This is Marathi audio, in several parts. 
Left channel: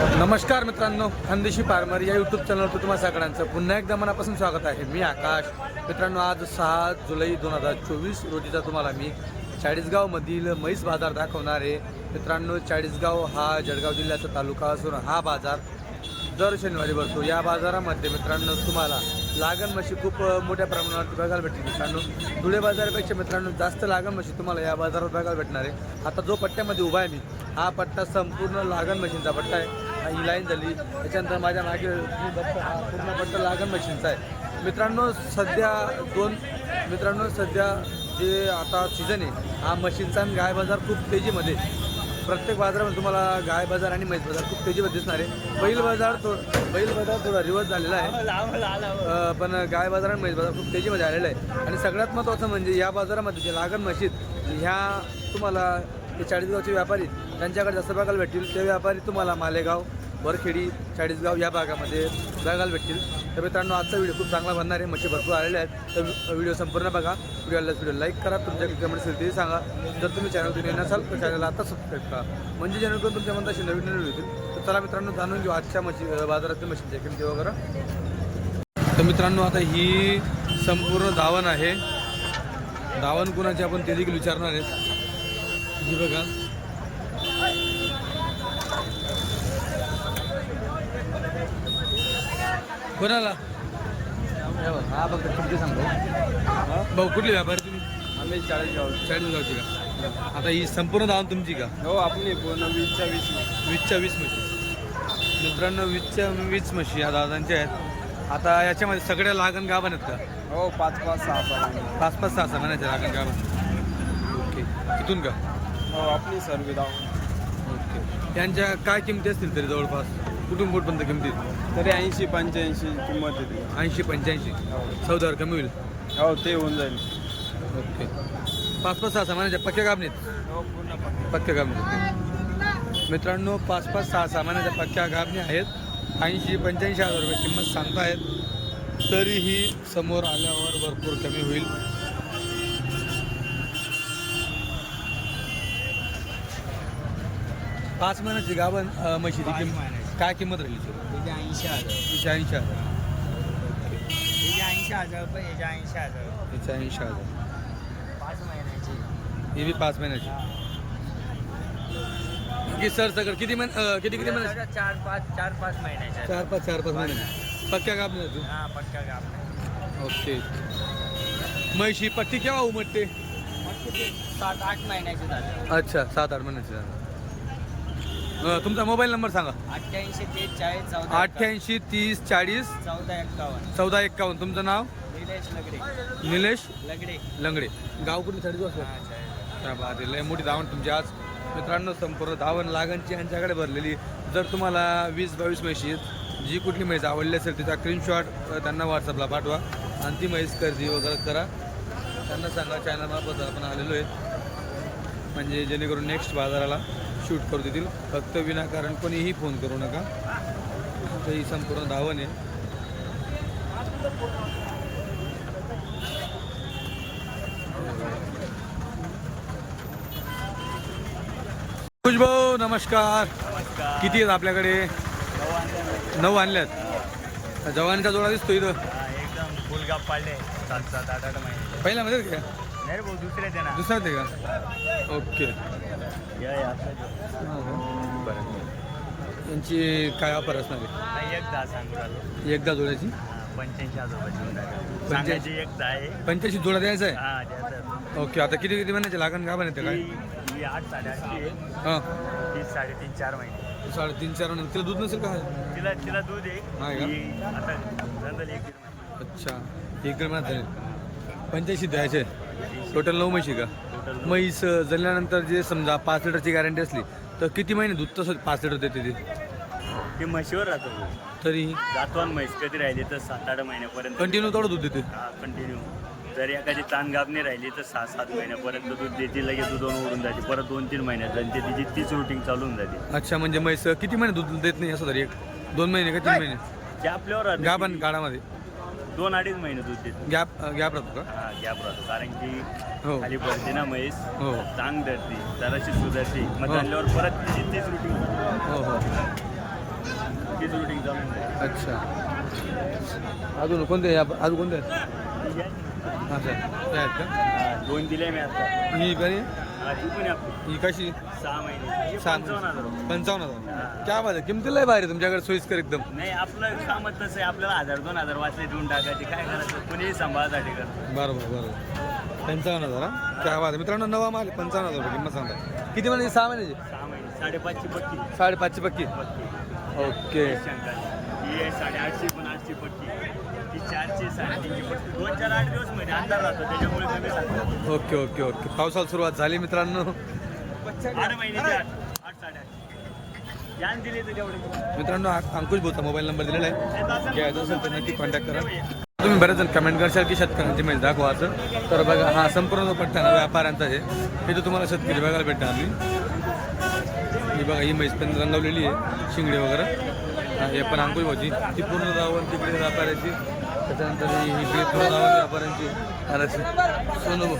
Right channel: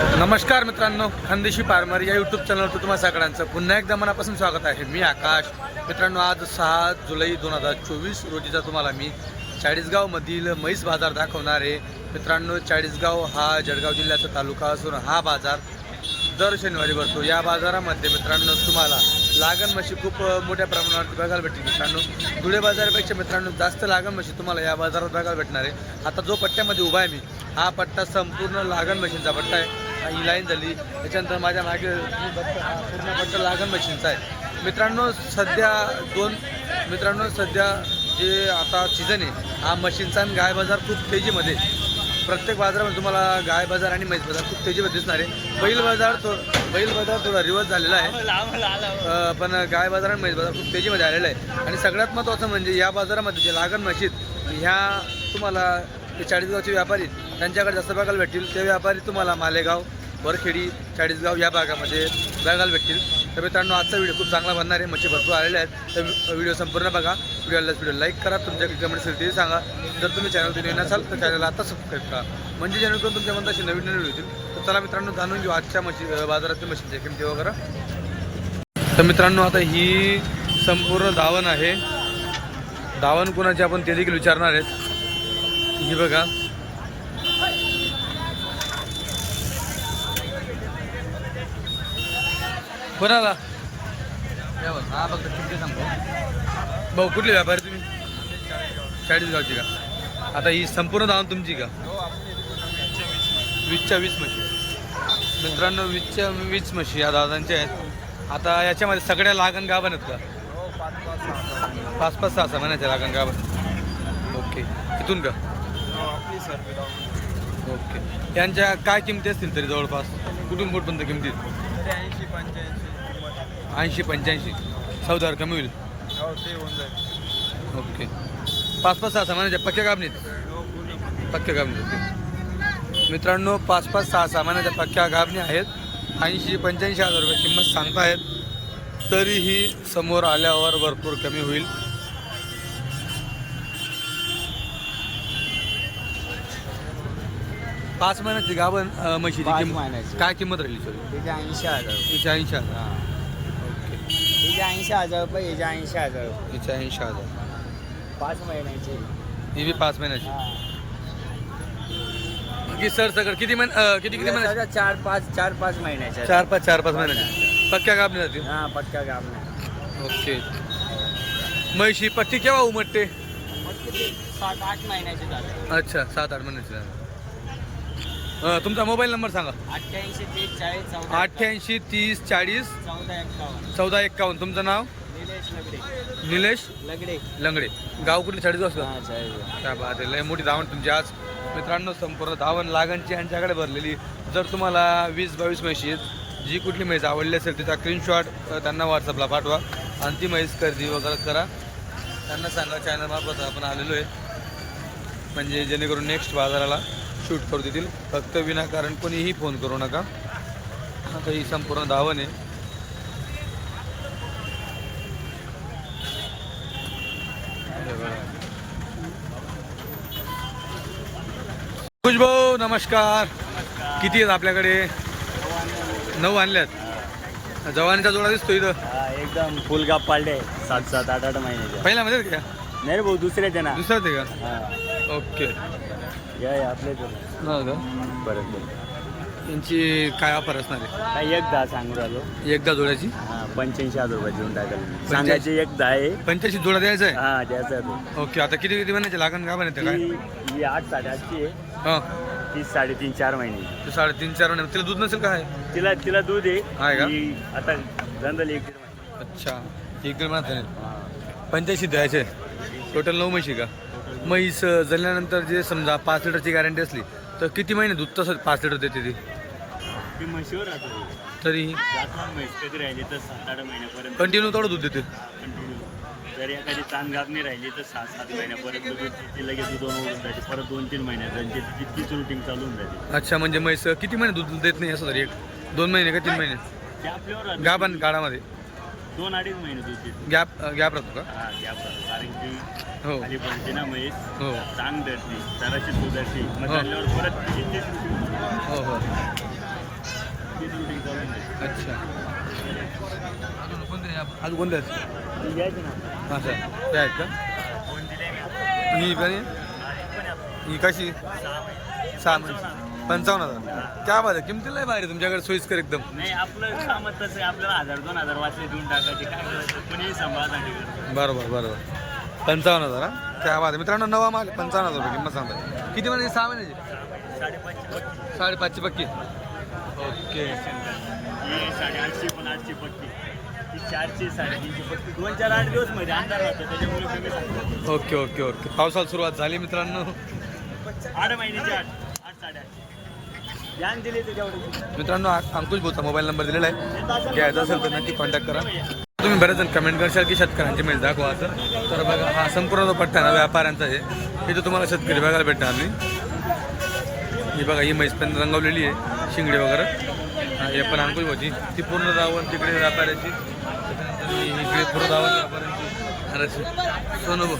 नमस्कार मित्रांनो खानदेशी फार्मर या यूट्यूब चॅनलवर तुम्हाला सगळ्यांचं पुन्हा एकदा मनापासून स्वागत आहे. मी आकाश. मित्रांनो आज सहा जुलै दोन हजार चोवीस रोजीचा तुम्हाला मी चाळीसगावमधील म्हैस बाजार दाखवणार आहे. मित्रांनो चाळीसगाव हा जळगाव जिल्ह्याचा तालुका असून हा बाजार दर शनिवारी भरतो. या बाजारामध्ये मित्रांनो तुम्हाला लागण म्हशी खूप मोठ्या प्रमाणावरती बघायला भेटतील. मित्रांनो धुळे बाजारापेक्षा मित्रांनो जास्त लागण म्हशी तुम्हाला या बाजारात बघायला भेटणार आहे. आता जो पट्ट्यामध्ये उभा आहे मी हा पट्टा संपूर्ण लागण मशीनचा पट्टा आहे. ही लाईन झाली. त्याच्यानंतर माझ्या मागे हा पूर्ण पट्टा लागण मशीनचा आहे. मित्रांनो सध्या दोन मित्रांनो सध्या जे आता सीझन आहे हा मशीनचा आणि गाय बाजार खूप तेजीमध्ये. प्रत्येक बाजारामध्ये तुम्हाला गाय बाजार आणि म्हैस बाजार खूप तेजीमध्ये दिसणार आहे. बैल बाजार थो बैल बाजार थोडा रिवर्स झालेला आहे. पण गाय बाजार आणि म्हैस बाजार खूप तेजीमध्ये आलेला आहे. आणि सगळ्यात महत्त्वाचं म्हणजे या बाजारामध्ये जे लागण मशीद ह्या तुम्हाला ते चाळीसगावचे व्यापारी त्यांच्याकडे जास्त बघायला भेटतील. ते व्यापारी तुम्हाला मालेगाव वरखेडी चाळीसगाव या भागामध्ये बघायला भेटतील. तर मित्रांनो आजचा व्हिडिओ खूप चांगला बनणार आहे. मच्छी भरपूर आलेले आहेत. तर व्हिडिओ संपूर्ण बघा. व्हिडिओला व्हिडिओ लाईक करा. तुमच्या कमेंट असेल ते सांगा. जर तुम्ही चॅनल तुम्ही नसाल तर चॅनलला आता सबस्क्राईब करा. म्हणजे जेणेकरून तुमच्या मनात असे नवीन नवीन होतील तर चला मित्रांनो जाणून घेऊ आजच्या मच्छी बाजारातील मशीनच्या किमती वगैरे तर मित्रांनो आता ही संपूर्ण धावण आहे. धावण कोणाची आपण ते देखील विचारणार आहेत. ही बघा. कोणाला? हा फक्त किमती सांग भाऊ कुठले व्यापारी तुम्ही? चाळीस गावची का? आता ही संपूर्ण धावण तुमची का? हो आपली वीसच्या वीस वीसच्या वीस म्हशी मित्रांनो वीसच्या वीस म्हशी या दादांच्या आहेत. आता याच्यामध्ये सगळ्या लागण गाभण आहेत का? हो पाच पाच सहा सहा पाच पाच सहा सहा महिन्याच्या लागण गाभण. ओके. इथून का? हो ओके. यांच्या काय किमती असतील तरी जवळपास? कुठून कुठपर्यंत किमती? तरी ऐंशी पंच्याऐंशी किंमत ऐंशी पंच्याऐंशी. चौदावर कमी होईल. हो ते होऊन जाईल. ओके. पाच पाच सहा सहा महिन्याच्या पक्क्या गाभणीत हो पक्क्या गाभणी ओके. मित्रांनो पाच पाच सहा सहा महिन्याच्या पक्क्या गाभणी आहेत? ऐंशी पंच्याऐंशी हजार रुपये किंमत सांगतायत तरीही समोर आल्यावर भरपूर कमी होईल. पाच महिन्याची गाभण अं, म्हशीची पाच किंमत महिन्याची. काय किंमत राहिली सॉरी त्याचे ऐंशी हजार. हिचे ऐंशी हजार. ओके. त्याचे ऐंशी हजार रुपये याचे ऐंशी हजार रुपये. ऐंशी हजार. पाच महिन्याचे. ही बी पाच महिन्याची. बाकी सर सगळं किती महिने अं, किती किती महिन्याची? चार पाच चार पाच महिन्याच्या चार पाच चार पाच महिन्याची. पक्क्या गाभणी जातील हा पक्का काम ओके. म्हैशी पट्टी केव्हा उमटते? मग किती? सात आठ महिन्याचे झाले. अच्छा सात आठ महिन्याची झालं. अं, तुमचा मोबाईल नंबर सांगा. अठ्ठ्याऐंशी तीस चाळीस चौदा अठ्ठ्याऐंशी तीस चाळीस चौदा एक्कावन्न चौदा एक्कावन्न तुमचं नाव? निलेश लगडे. निलेश लगडे. लंगडे. गाव कुठले? चाळीस वाजता? हा. त्या बात आहे. लय मोठी धावण तुमची आज. मित्रांनो संपूर्ण धावण लागणची यांच्याकडे भरलेली. जर तुम्हाला वीस बावीस म्हशी जी कुठली म्हैस आवडली असेल त्याचा स्क्रीनशॉट त्यांना व्हॉट्सअपला पाठवा. आणि ती म्हैस खरेदी वगैरे करा. त्यांना सांगा चॅनलमार्फत आपण आलेलो आहे. म्हणजे जेणेकरून नेक्स्ट बाजाराला शूट करू देतील. फक्त विनाकारण कोणीही फोन करू नका. आता ही संपूर्ण धावण आहे. भाऊ नमस्कार. किती आहेत आपल्याकडे? नऊ आणल्यात. जवानीचा जोडा दिसतो इथं. एकदम फुल गाप पाडले सात सात आठ आठ महिन्याचे पहिल्यामध्ये का नाही भाऊ दुसरे ते ना. आहे का. ओके. हे आपले ते. का? बरोबर. यांची काय ऑफर असणार आहे? काही एक दहा सांगू झाले एकदा जोड्याची? पंच्याऐंशी हजार रुपये देऊन टाका पंच्याऐंशी? सांगायची एक दहा आहे. पंच्याऐंशी जोडा द्यायचा आहे? हा त्याचं ओके आता किती किती महिन्याचे लागण का बनते काय? ही आठ साडेआठची आहे. हां. ती साडेतीन चार महिने. तू साडेतीन चार महिने. तिला दूध नसेल काय तिला तिला दूध आहे. आहे का? ही आता धंदाला एक. अच्छा एक दीड महिन्यात. पंच्याऐंशी द्यायचे. टोटल नऊ म्हशी का? म्हैस जळल्यानंतर जे समजा पाच लिटरची गॅरंटी असली तर किती महिने दूध तसं पाच लिटर देते ती? ती म्हशीवर राहतो भाऊ. तरी? जातवान म्हैस कधी राहिली तर सात आठ महिन्यापर्यंत कंटिन्यू तेवढं दूध देते. कंटिन्यू जर एखादी ताण गाभणी राहिली तर सात सात महिन्यापर्यंत दूध देते लगेच दुधून ओढून जाते. परत दोन तीन महिन्यात जनते तिची तीच रुटीन चालू होऊन जाते. अच्छा म्हणजे म्हैस किती महिने दूध देत नाही असं तरी? एक दोन महिने का तीन महिने? ते आपल्यावर राहतं. गाभण काळामध्ये. दोन अडीच महिने दूध देते गॅप गॅप राहतो का? हा गॅप राहतो. कारण की हो. खाली पडते ना म्हैस हो. चांग धरती जराशी सुधरती. मग हो. चालल्यावर परत तिची तीच रुटीन हो हो. तीच रुटीन चालून जाईल. अच्छा. अजून कोणते या- अजून कोणते आहेत? ती घ्यायची ना हां सर. ते आहेत का? दोन दिले मी आता. ही पण. ही कशी? सहा महिने. सहा महिने. पंचावन्न हजार. क्या बात आहे किमतीला बाहेर आहे तुमच्याकडे सोयीस्कर एकदम. नाही आपलं कामच तसं आहे आपल्याला हजार दोन हजार वाचले देऊन टाकायचे. काय करायचं? कुणीही सांभाळासाठी करतो बरोबर बरोबर. पंचावन्न हजार हा? क्या बात आहे. मित्रांनो नवा माल आहे, पंचावन्न हजार रुपये किंमत सांगता किती महिन्याची सहा महिन्याची साडेपाचशे पक्की. साडेपाचशे पक्की. ओके. ही आहे साडेआठशे पण आठशे पक्की. ती चारशे साडेतीनशे पक्की. दोन चार आठ दिवसमध्ये अंधार राहतो त्याच्यामुळे कमी सांगतो. Okay okay okay. पावसाला सुरुवात झाली मित्रांनो. आठ महिन्याची आठ आठ साडेआठशे ध्यान दिले त्याच्यावर मित्रांनो अंकुश बोलता मोबाईल नंबर दिलेला आहे. घ्यायचा असेल तर नक्की कॉन्टॅक्ट करा. तुम्ही बरेच जण कमेंट करशाल की शेतकऱ्यांची मिळत दाखवा असं. तर बघा हा संपूर्ण जो पट्टा ना व्यापाऱ्यांचा आहे. तिथं तुम्हाला शेतकरी बघायला भेटणार आम्ही ही बघा ही म्हैस पण रंगवलेली आहे शिंगडी वगैरे. हा हे पण अंकुश भाऊची. ती पूर्ण जावन तिकडे व्यापाऱ्याची. त्याच्यानंतर इकडे पूर्ण रावण व्यापाऱ्यांची. अरे सोनू भाऊ.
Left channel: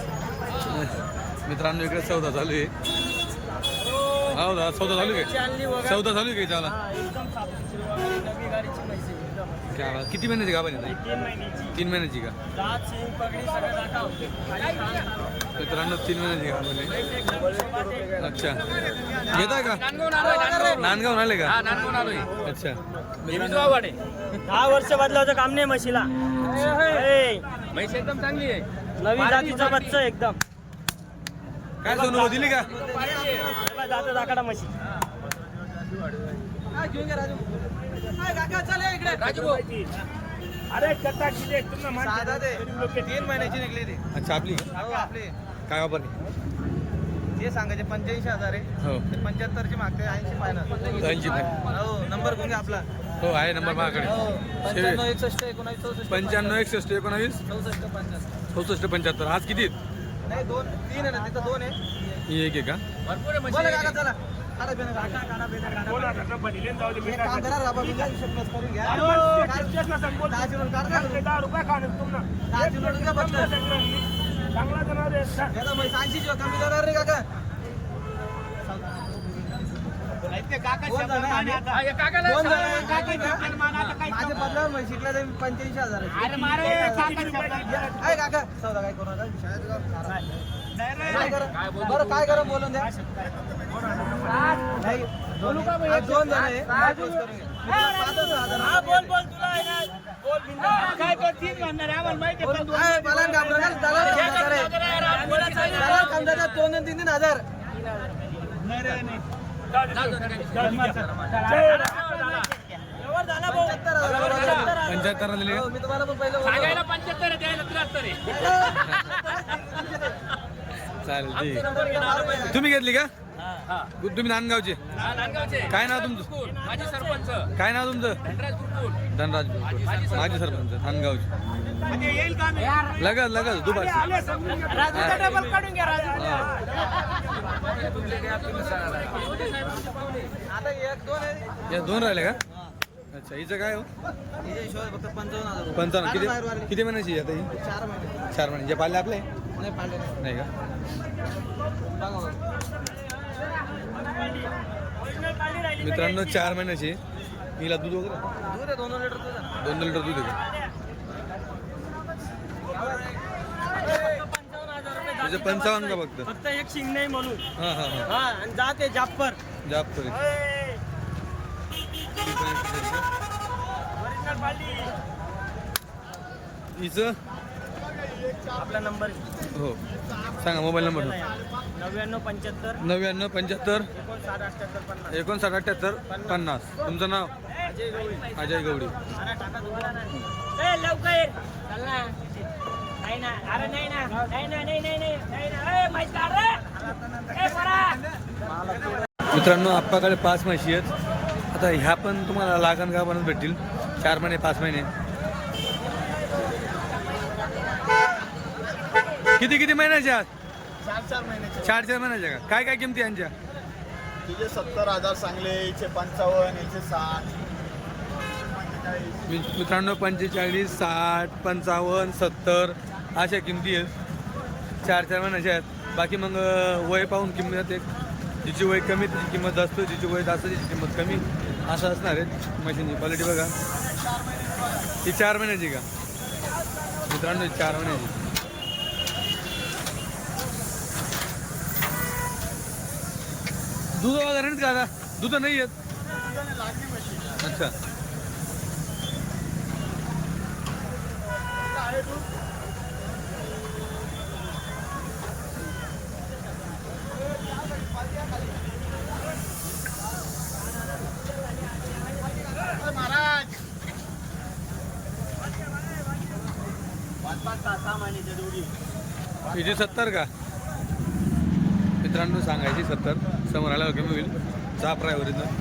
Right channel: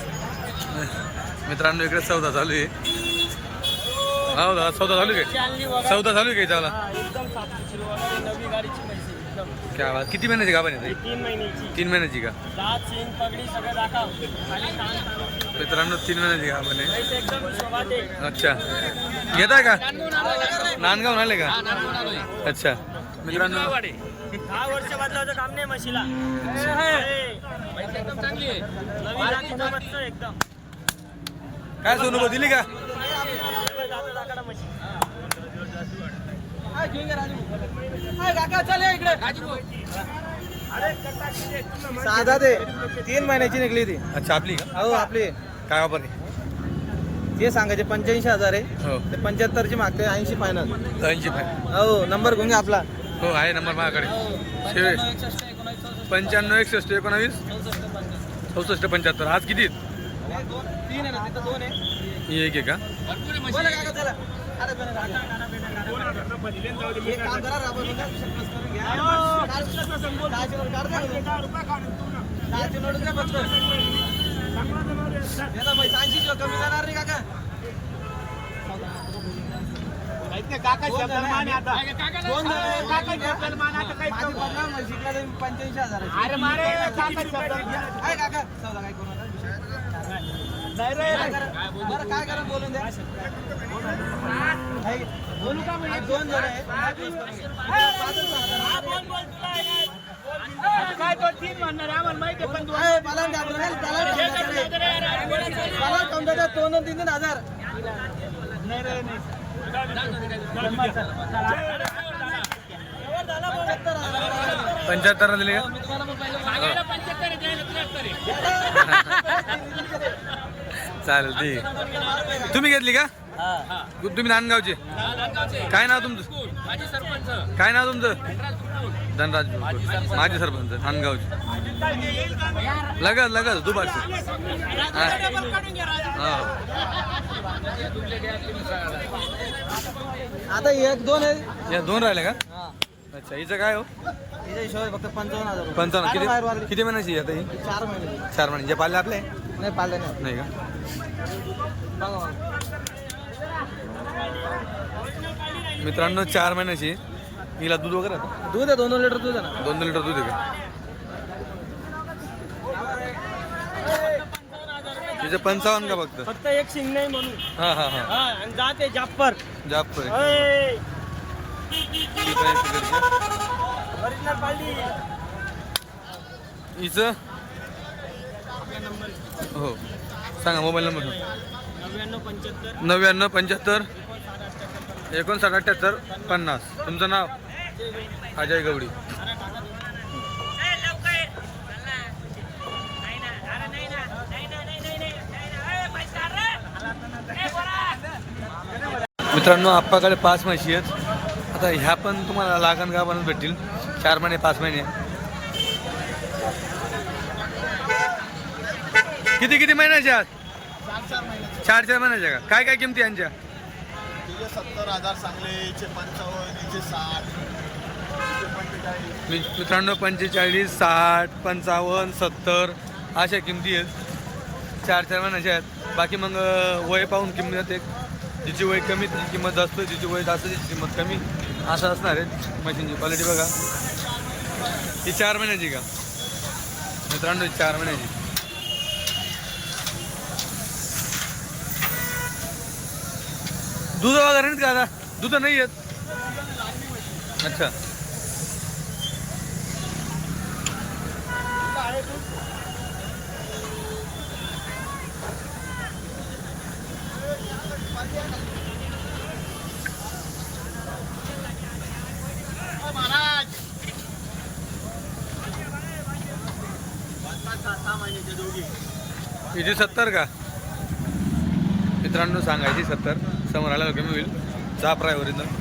मित्रांनो इकडे सौदा चालू आहे. हो दादा सौदा चालू आहे काय? सौदा चालू आहे काही त्याला क्या बात. किती महिन्याची गाभण आहे ताई? तीन महिन्याची. का? मित्रांनो तीन महिन्याची गाभण आहे. एकदम शोभात आहे. अच्छा. घेताय का? नांदगाव आले का अच्छा. मित्रांनो. दहा वर्ष बदलावचं काम नाही म्हशीला. एकदम चांगली आहे. नवीन जातीचं बच्च एकदम. काय सोनू भाऊ दिली का? साधा ते तीन महिन्याची निघली ती. अच्छा आपली का? अहो आपली. काय वापर आहे ते सांगायचे पंच्याऐंशी हजार आहे. हो. ते पंच्याहत्तरची मागते ऐंशी फायनल ऐंशी फाय हो नंबर घेऊन घ्या आपला. हो आहे नंबर माझ्याकडे. हो पंच्याण्णव एकसष्ट एकोणावीस चौसष्ट पंच्याण्णव एकसष्ट एकोणावीस? चौसष्ट पंच्याहत्तर. चौसष्ट पंच्याहत्तर. आज किती आहेत? नाही दोन तीन आहे ना तिथं दोन आहे. ही एक आहे का? बोला काका चला. खाणं पिणं काढा. एक काम करा राबा तुम्ही हिशोब plus करून घ्या. दहाचे नोट काढता का तुम्ही? दहाचे नोट द्या फक्त याला म्हैस ऐंशी किंवा कमी करणार नाही काका. दोन जण आहे आम्ही. दोन जण आहे. माझे बदला म्हैशीतला ते पंच्याऐंशी हजार आहे काका चौदा काय करू नका करा बरं काय करा बोलून द्या. नाही दोन आज दोन जण आहे. बोल बोल. बोल दलाल दोन तीन तीन हजार पंच्याहत्तर हजार. पंच्याहत्तर दिली हो, का मी तुम्हाला पण पहिले बोललो. चालेल ठीक पहिला. तुम्ही घेतली का हा. तुम्ही नांदगावचे काय नाव तुमचं माझे सरपंच काय नाव तुमचं धनराज बोरकर. माझे सरपंच नांदगावचे लगत लगत दुपारची हा. हा. आता एक दोन या दोन राहिले का हा. अच्छा हिचं काय हो पंचावन्न किती. किती महिन्याची आता ही चार महिने चार महिने जे पाळले आपले नाही का मित्रांनो चार महिन्याची. हिला दूध वगैरे आहे? दूध आहे दोन दोन लिटर दूध आहे ना. दोन दोन लिटर दूध आहे का? तिचं पंचावन्न का फक्त? फक्त एक शिंग नाही म्हणून. हा हा हा. हा आणि जाते जाप्पर ओय. Original पाली. हिचं? आपला नंबर हो. सांगा मोबाईल नंबर. नव्याण्णव पंच्याहत्तर. नव्याण्णव पंच्याहत्तर. एकोणसाठ अठ्याहत्तर पन्नास. एकोणसाठ अठ्ठ्याहत्तर पन्नास. तुमचं नाव? अजय गवळी. अजय गवडी. मित्रांनो आप्पाकडे पाच म्हशी आहेत. आता ह्या पण तुम्हाला लागण गाभणच भेटतील. चार महिने पाच महिने. किती किती महिन्याच्या आहात? चार चार महिन्याच्या का? काय काय किमती यांच्या? तिचे सत्तर हजार चांगले एकशे पंचावन्न एकशे साठ. मी- मित्रांनो पंचेचाळीस साठ पंचावन्न सत्तर अशा किमती आहेत. चार चार महिन्याच्या आहेत. बाकी मग अं, वय पाहून किंमत एक जिची वय कमी तिची किंमत जास्त जिची वय जास्त तिची किंमत कमी. असं असणार आहे मशीनची क्वालिटी बघा. ही चार महिन्याची का? मित्रांनो ही चार महिन्याची. दूध वगैरे नाहीत का आता? दूध नाही येत अच्छा. महाराज सत्तर का? मित्रांनो सांगायची सत्तर. समोर आल्यावर कमी होईल. जा प्रायवरीनं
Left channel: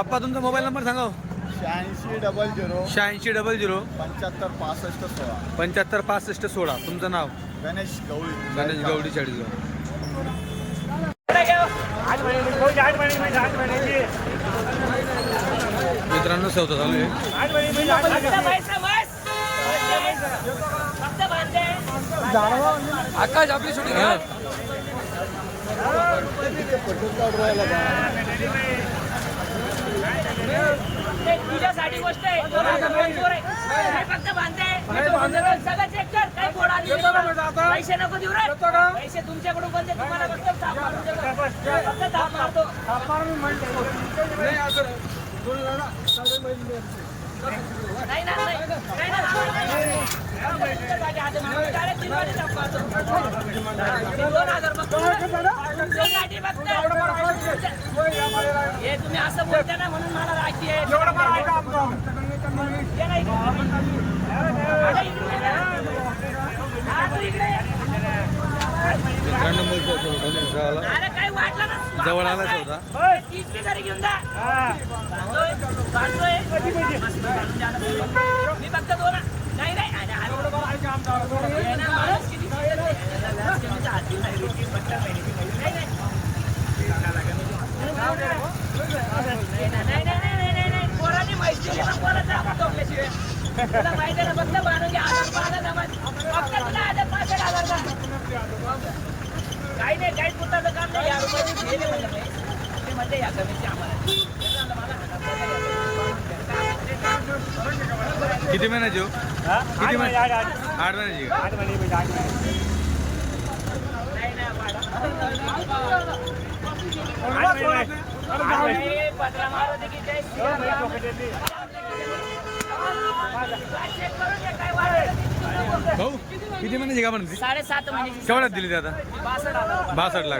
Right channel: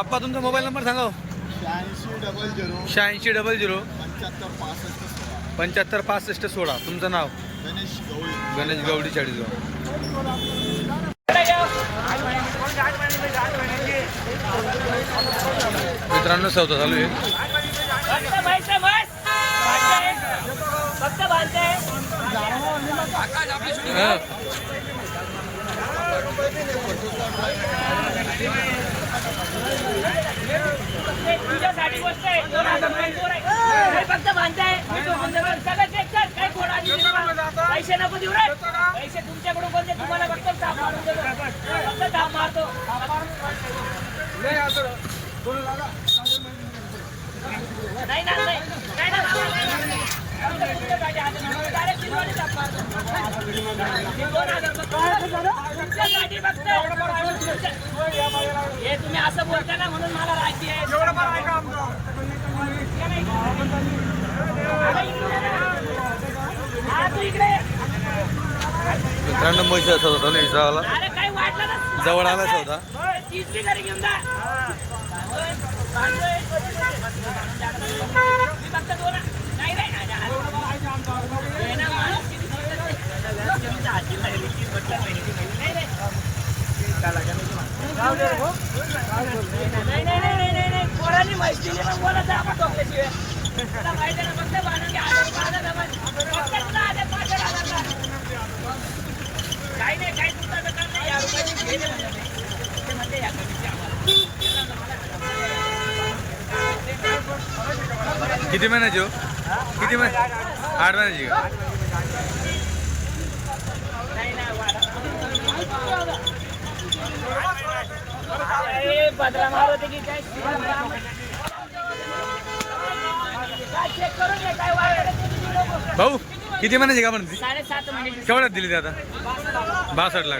आप्पा तुमचा मोबाईल नंबर सांगा हो. शहाऐंशी डबल झिरो शहाऐंशी डबल झिरो पंच्याहत्तर पासष्ट सोळा. पंच्याहत्तर पासष्ट सोळा. तुमचं नाव? गणेश गवळी. गणेश गवडी चाळीसगाव इकडे घ्या. मित्रांनो सौदा चालू आहे. तुझ्यासाठी गोष्ट आहे फक्त पैसे नको देऊ रे पैसे तुमच्याकडून कोणते तुम्हाला फक्त थाप मारून देतो फक्त थाप मारतो नाही ना नाही ना हे दोन हजार हे तुम्ही असं बोलता ना म्हणून मला. हा. मित्रांनो पैसे ना जवळ आला सौदा. होय, तीच बी घरी घेऊन जा बांधतोय मी फक्त दोन नाही नाही माणूस महिन्याची नाही नाही पोरांनी माहिती तुला माहिती आहे ना फक्त बांधून फक्त तुला हजार पाच हजार काही नाही काही पुताचं काम नाही. या रुपयाची घेणे म्हणजे नाही ते म्हणले या कमीच्या आम्हाला त्याला म्हणलं मला हजार रुपये द्या. बांधून घ्या. काम ते नाही. किती महिन्याची हो किती महिने आठ महिन्याची का की. भाऊ किती महिन्याची का म्हणते साडेसात महिन्याची केवढ्यात दिली ते आता बासष्ट आला.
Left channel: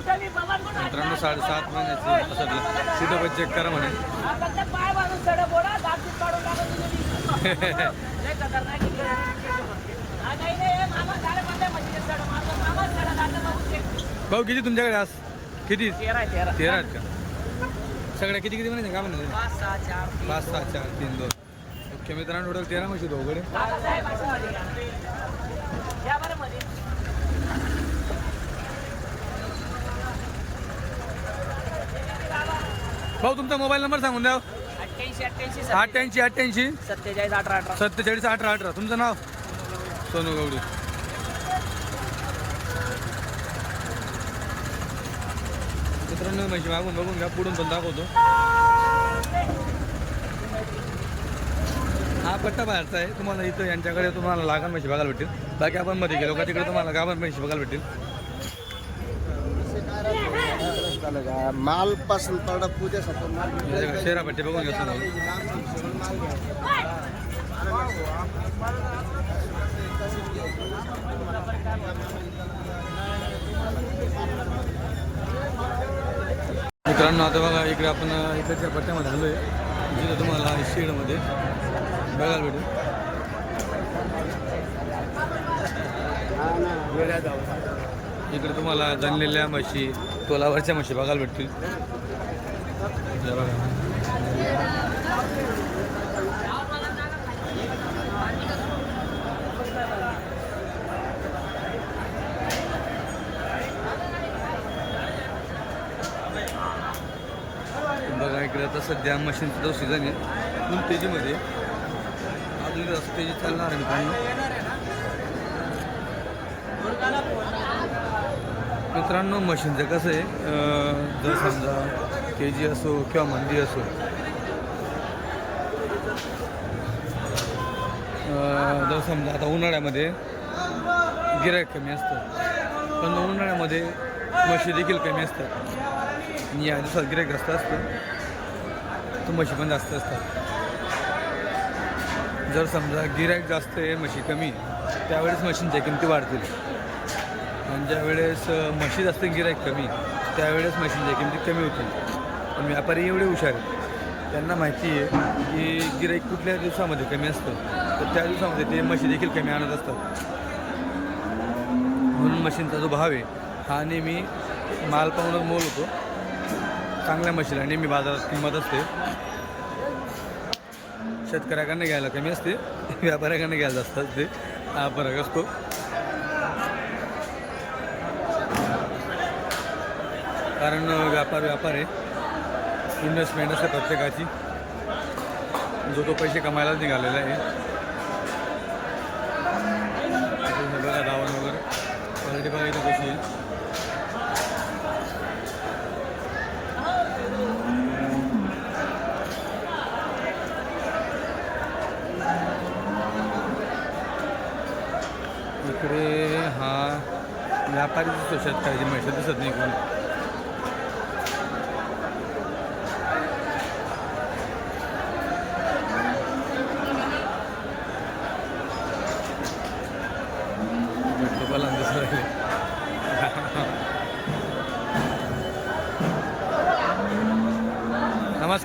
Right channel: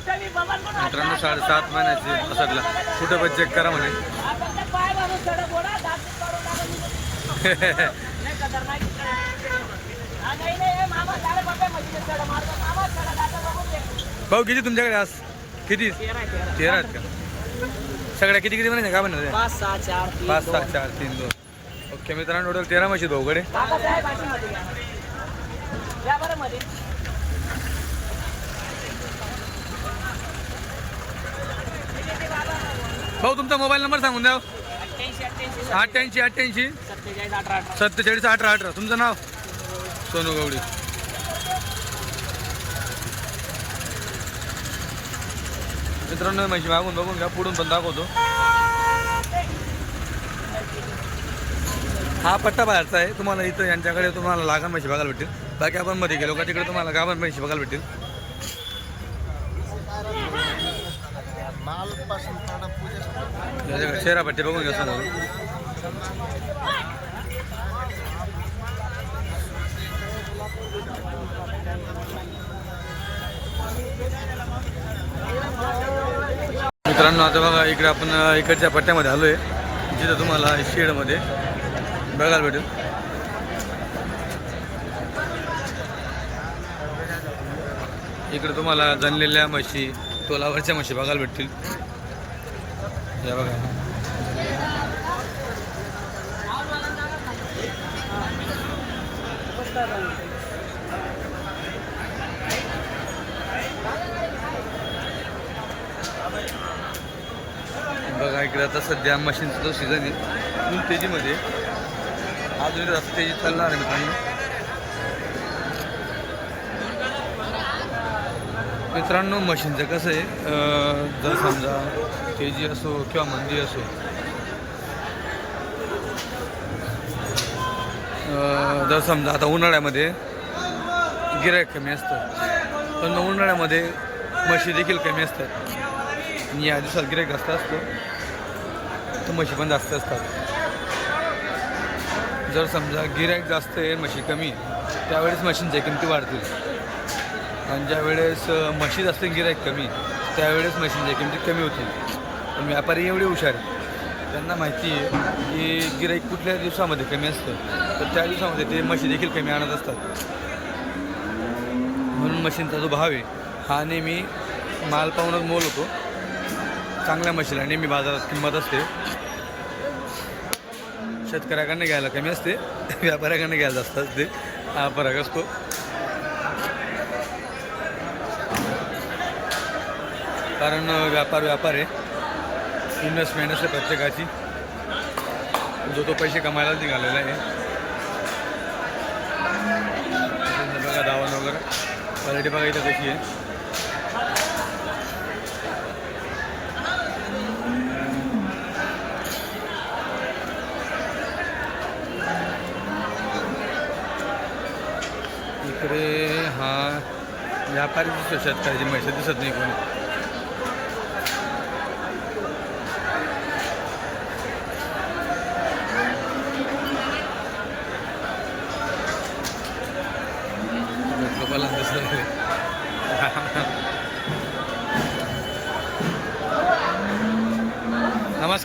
मित्रांनो साडेसात महिन्याची पसरला कुठं पण चेक करा म्हणे. भाऊ किती तुमच्याकडे आज? किती? तेरा आहेत का? सगळ्या किती किती म्हणायचे का म्हणते पाच सहा चार तीन दोन. ओके मित्रांनो टोटल तेरा म्हशी दोघडे बाबा साहेब अशी मध्ये या बरं मध्ये ते, ते, ते बाबा भाऊ तुमचा मोबाईल नंबर सांगून द्या. अठ्ठ्याऐंशी अठ्ठ्याऐंशी सत्तेचाळीस. अठरा अठरा. सत्तेचाळीस अठरा अठरा. तुमचं नाव? सोनू गवडी मित्रांनो म्हशी मागून बघून घ्या पुढून पण दाखवतो. हा पट्टा बाहेरचा आहे. तुम्हाला इथं यांच्याकडे तुम्हाला लागण म्हशी बघायला भेटतील. बाकी आपण मध्ये गेलो का तिकडे तुम्हाला गाभण म्हशी बघायला भेटतील. माल पासून पूजा शेरा पट्टी बघून घ्या समोर मित्रांनो आता बघा इकडे आपण इकडच्या पट्ट्यामध्ये आलो आहे जिथं तुम्हाला शेडमध्ये बघायला भेटेल. इकडे तुम्हाला जनलेल्या म्हशी तोलावरच्या म्हशी बघायला भेटतील. या बघा. बघा इकडे आता सध्या मशीनचा जो सीझन आहे फुल तेजीमध्ये. अजून तेजी चालणार आहे मित्रांनो. मित्रांनो मशीनचं कसं आहे? जर समजा तेजी असो किंवा मंदी असो जर समजा आता उन्हाळ्यामध्ये गिरायक कमी असतं पण उन्हाळ्यामध्ये म्हशी देखील कमी असतात. आणि या दिवसात गिरायक जास्त असतं तर म्हशी पण जास्त असतात. जर समजा गिरायक जास्त आहे म्हशी कमी आहे, त्यावेळेस मशीनच्या किमती वाढतील. आणि ज्यावेळेस वेळेस म्हशी जास्त गिरायक कमी त्यावेळेस मशीनच्या किमती कमी होतील पण व्यापारी एवढे हुशार आहेत. त्यांना माहिती आहे की गिराईक कुठल्या दिवसामध्ये कमी असतं. तर त्या दिवसामध्ये ते म्हशी देखील कमी आणत असतात. म्हणून मशीनचा जो भाव आहे हा नेहमी माल पाहूनच मोल होतो. चांगल्या म्हशीला नेहमी बाजारात किंमत असते. शेतकऱ्याकडनं घ्यायला कमी असते. व्यापाऱ्याकडनं घ्यायला जास्त असते. हा फरक असतो. कारण व्यापार व्यापार आहे. इन्व्हेस्टमेंट असते प्रत्येकाची. जो तो पैसे कमायलाच निघालेला आहे. बघा दावण वगैरे. क्वालिटी बघा इथं कशी आहे. इकडे हा व्यापारी दिसतो शेतकऱ्याची म्हैस दिसत नाही कोणी.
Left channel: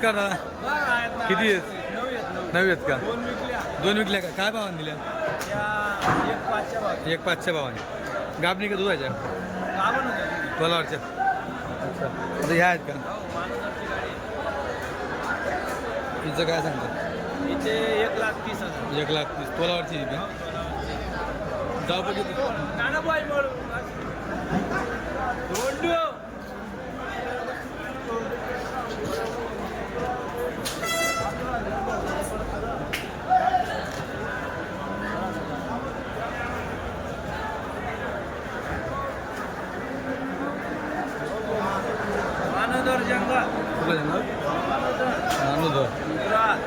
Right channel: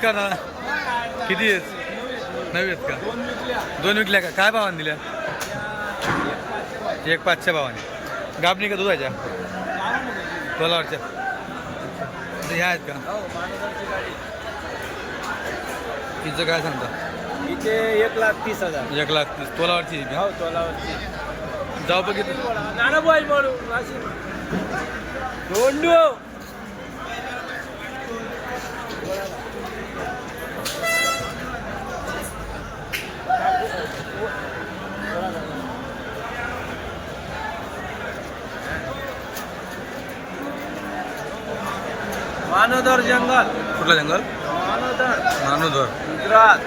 नमस्कार दादा. किती आहेत? नवी आहेत का? दोन विकल्या का? काय भावाने दिल्या? एक पाचच्या भावाने. गाबणी का दुधाच्या? कोलावरच्या म्हणजे ह्या आहेत का? तिचं काय सांगता? एक लाख तीस हजार. एक लाख तीस. तोलावरची हो, का जाऊ बघितलं जंगल. कुठलं जंगल? नानोदर गुजरात.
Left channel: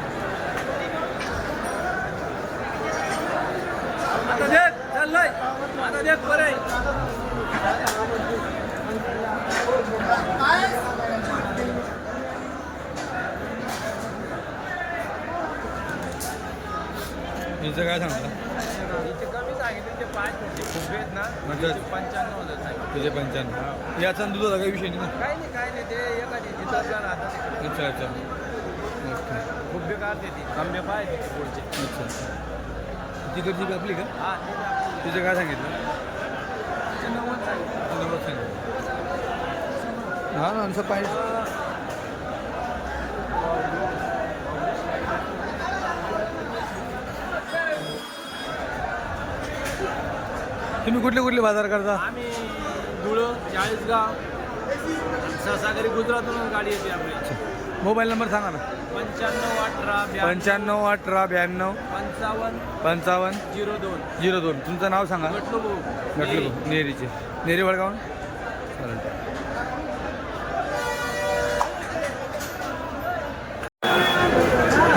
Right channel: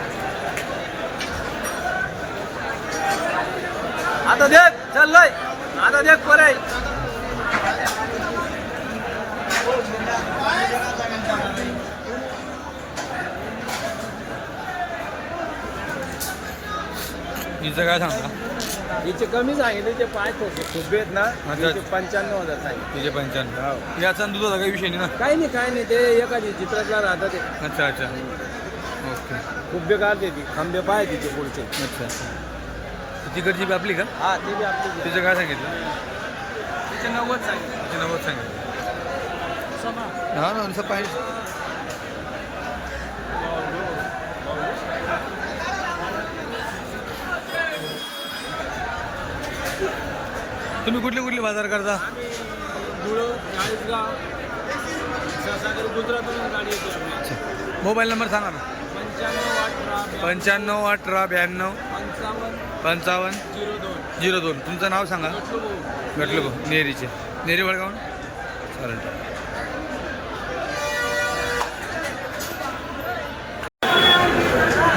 आता देख चाललोय. आता देख परे. हिचं काय सांगता? हिचे कमी सांगितले ते पाच होते खूप आहेत ना? अच्छा. हिचे पंच्याण्णव हजार सांगितले तिचे पंच्याण्णव. याचा आणि दुधाचा काही विषय नाही ना? काही नाही काही नाही. ते एखादी चित्रातला राहतात ते. अच्छा अच्छा. ओके. खूप बेकार देते खंबे पाहिजे ते पुढचे. अच्छा. तिकडची बी आपली का? हा ते बी आपले. तिचं काय सांगितलं? तिचे नव्वद सांगितले. तिचे नव्वद सांगितलं. हा ना असं पाहिजे तुम्ही कुठले कुठले बाजार करता? आम्ही धुळं चाळीसगाव गुजरातून गाडी येते आपली. मोबाईल नंबर सांगा ना. पंच्याण्णव अठरा ब्याण्णव, पंच्याण्णव अठरा ब्याण्णव. पंचावन्न. पंचावन्न. झिरो दोन. झिरो दोन. तुमचं नाव सांगा. गटलू भाऊ. म्हटलं भाऊ नेरीचे नेरी वडगाव? चालेल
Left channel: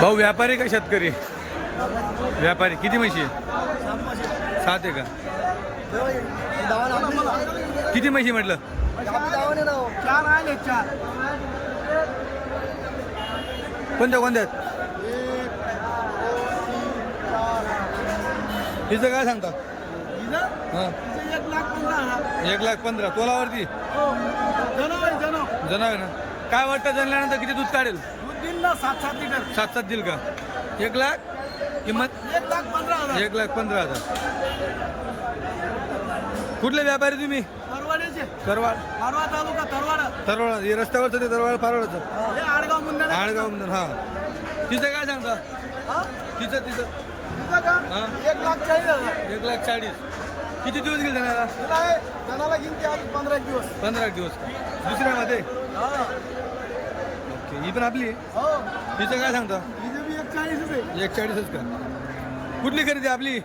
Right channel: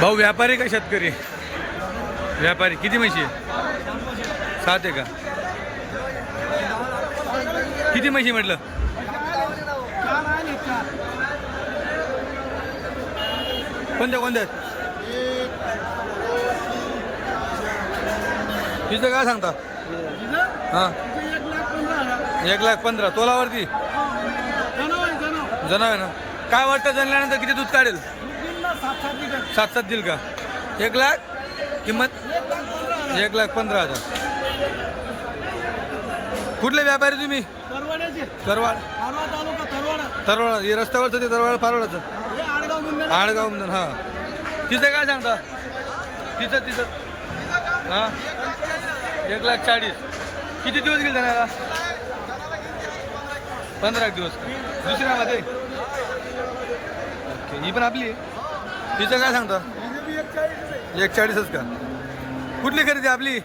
भाऊ व्यापारी का शेतकरी? व्यापारी. किती म्हशी? आहे सात आहे का? किती म्हशी म्हटलं? कोणत्या कोणत्या? आहेत? काय सांगता? हा. एक लाख पंधरा. तोलावरती? जनावे ना? काय वाटतं जनल्यानंतर किती दूध काढेल? सात सात दिल सात सात देईल का? एक लाख? किंमत? एक लाख पंधरा हजार. कुठले व्यापारी तुम्ही? परवाड्याचे तरवाड. परवा तालुका तरवाडा तरवाड हे रस्त्यावरचं ते तरवाड फारवाडाचं? आडगाव म्हणून हा. तिचं काय सांगता? तिचं तिचं हां? एक लाख चाळीस. किती दिवस गेले दिवस पंधरा दिवस का? दुसऱ्यामध्ये? ओके ही पण आपली आहे? तिचं काय सांगता? एक चाळीसच का? कुठली खरेदी आपली?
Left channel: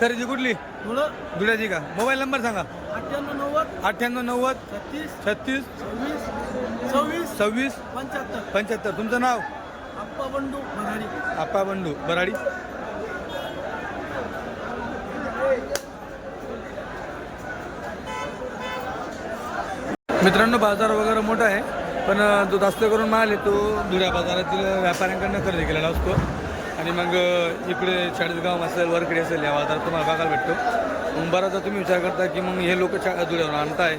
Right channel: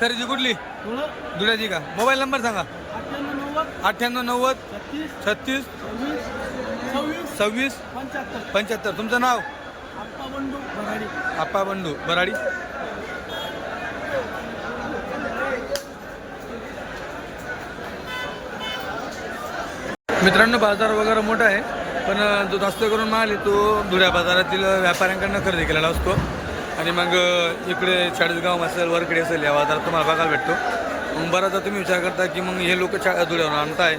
खरेदी कुठली? धुळ्याची का? मोबाईल नंबर सांगा. अठ्ठ्याण्णव नव्वद अठ्ठ्याण्णव नव्वद छत्तीस छत्तीस सव्वीस सव्वीस सव्वीस पंच्याहत्तर. पंच्याहत्तर. तुमचं नाव? आप्पा बंडू भराडी आप्पा बंडू बराडी मित्रांनो बाजार वगैरे मोठा आहे पण जो जास्त करून माल आहे तो धुळ्या बाजारातील व्यापाऱ्यांकडनं खरेदी केलेला असतो. आणि मग इकडे चाळीसगाव असेल वरकडे असेल या बाजारात तुम्हाला बघायला भेटतो. मग बराचदा तुम्ही विचार करता की मग हे लोक चा धुळ्यावर आणताय.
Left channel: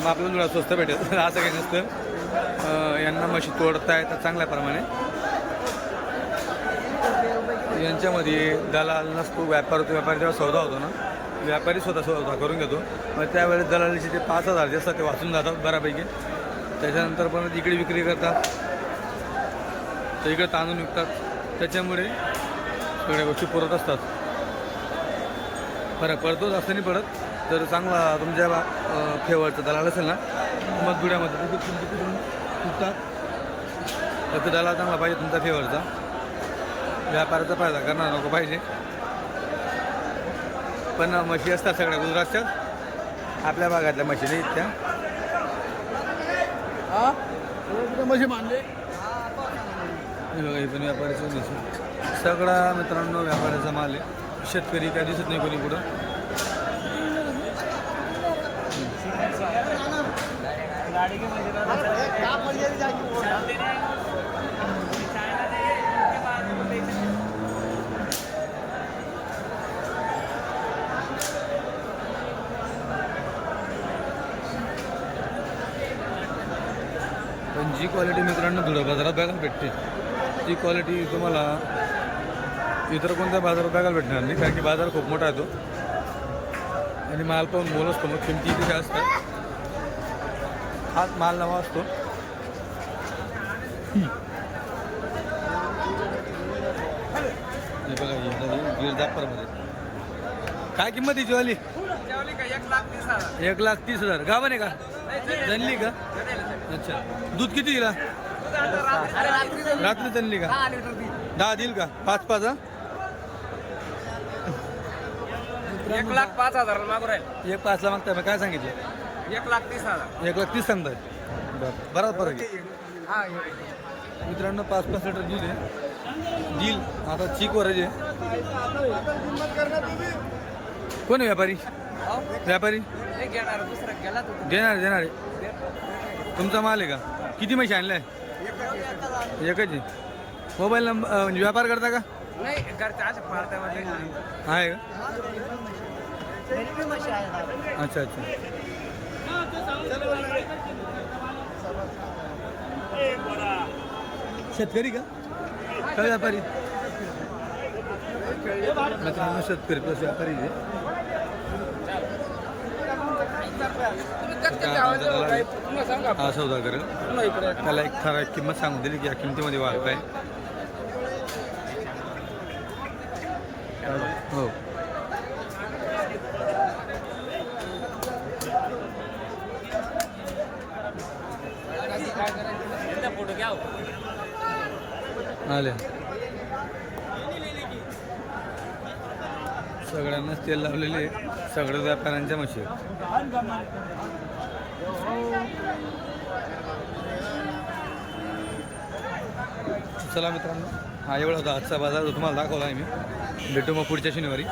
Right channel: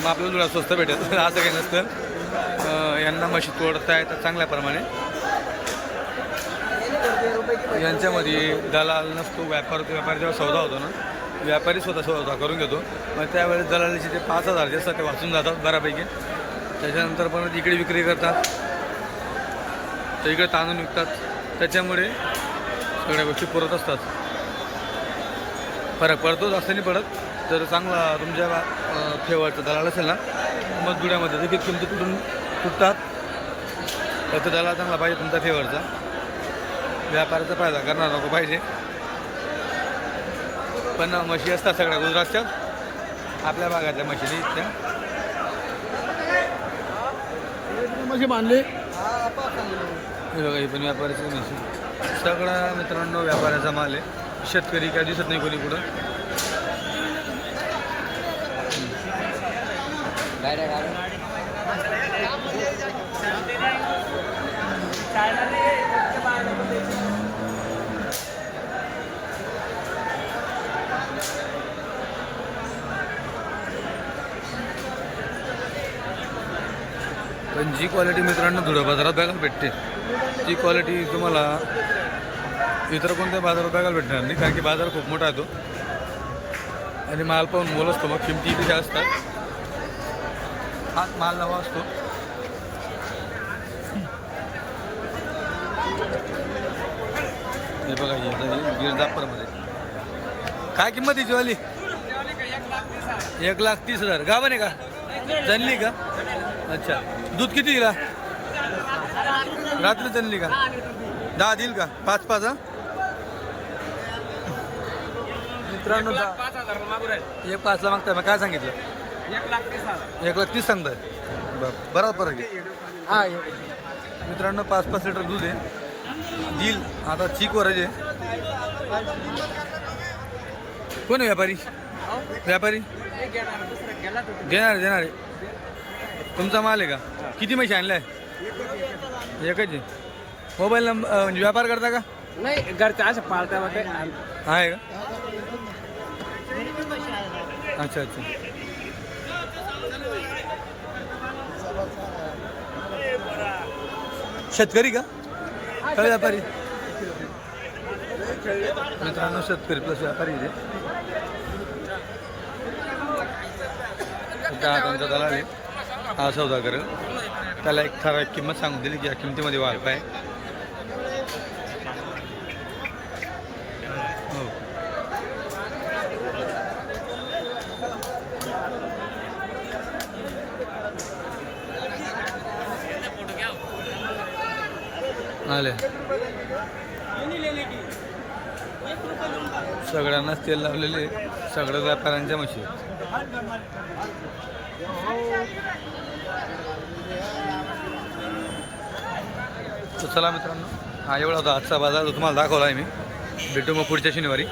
मग आपल्याला धुळ्या स्वस्त भेटेल. असं काही नसतं. यांना मशी तोडता येतात चांगल्या प्रमाणे. यांच्यामध्ये दलाल नसतो व्यापार व्यापारी जेव्हा सौदा होतो ना व्यापारी स्वतः सौदा करून घेतो. मग त्यावेळेस दलालीचे ते पाच हजार जे असतात ते वाचून जातात बऱ्यापैकी. त्याच्यानंतर पण इकडे विक्री करतात. तर इकडे तांदूळ विकतात. त्याच्यामुळे सगळ्या गोष्टी पुरत असतात. फरक पडतो जास्त नाही पडत. तर चांगला तुमच्या अं, फेवरचा दलाल असेल ना मग दुड्यामध्ये देखील किमती कुठून तुटतात. फक्त दलाल चांगला पाहिजे तुमचा फेवरचा व्यापाराचा फायदा करणार नको पाहिजे. पण म्हशी असतात सगळ्या गुजरातच्या आपल्या भागातल्या म्हशी नाही त्या म्हशी मानली. हे बघा हे पण व्यापाराची म्हशी. सगळा मित्रांनो व्यापाराचा माल आहे. शेतकरी काय दिसत नाही कोणी कुठं पण जी क्वालिटी मित्रांनो धुळा बाजारात बघायला भेटते. ती क्वालिटी तुम्हाला इतर कोणत्या बाजारात बघायला भेटणार नाही कारण की बाजार खूप मोठा आहे तो. आणि माल पाहून मोल असतो मग किमती इथे असतात हात माल नवा असतो. हे बघा हे आता गिरजापूरमध्ये काय किंमत आहे ज्वाली एक लाख तीस हजार. गावन आहे का? जनली का? अच्छा. दूध किती दिला रात्री जनली का? दहा देईल का? पाच पाच हा? मित्रांनो पाच हजार मागू राहील. एक पाचला मागताय मग काय सांगितलं? एक लाख तीस हजार. एक लाख तीस सांगताय. बरं बरोबर फरक आहे मित्रांनो पाच पाच लिटर दूध आहे. देईल. आता चीक वर आहे. कोण आहे व्यापारी? व्यापारी? घेणार. देणार देणार आहे. तुमचा माल आहे का? किती म्हशी आणलाय? एकच आहे. मोबाईल नंबर म्हणजे व्यापार करता का? नाही आहे का? अच्छा अच्छा. शेतकरी का? का व्यापारी? मित्रांनो शेतकरी प्लस व्यापारी आहे त्या त्यांचा दलाल आहे. हा सौदा करेल त्याला एक ठराविक किंमत सांगून दिली की या किमतीमध्ये वाढ आहे. हो. आले. सगळ्यांनाच तेल लावलेले सगळ्या व्यापाऱ्यांच्या मशी चला मित्रांनो हा एवढा होता आजचा बाजार तुम्हाला दाखवला आहे मी. भेटू मग पुढच्या शनिवारी.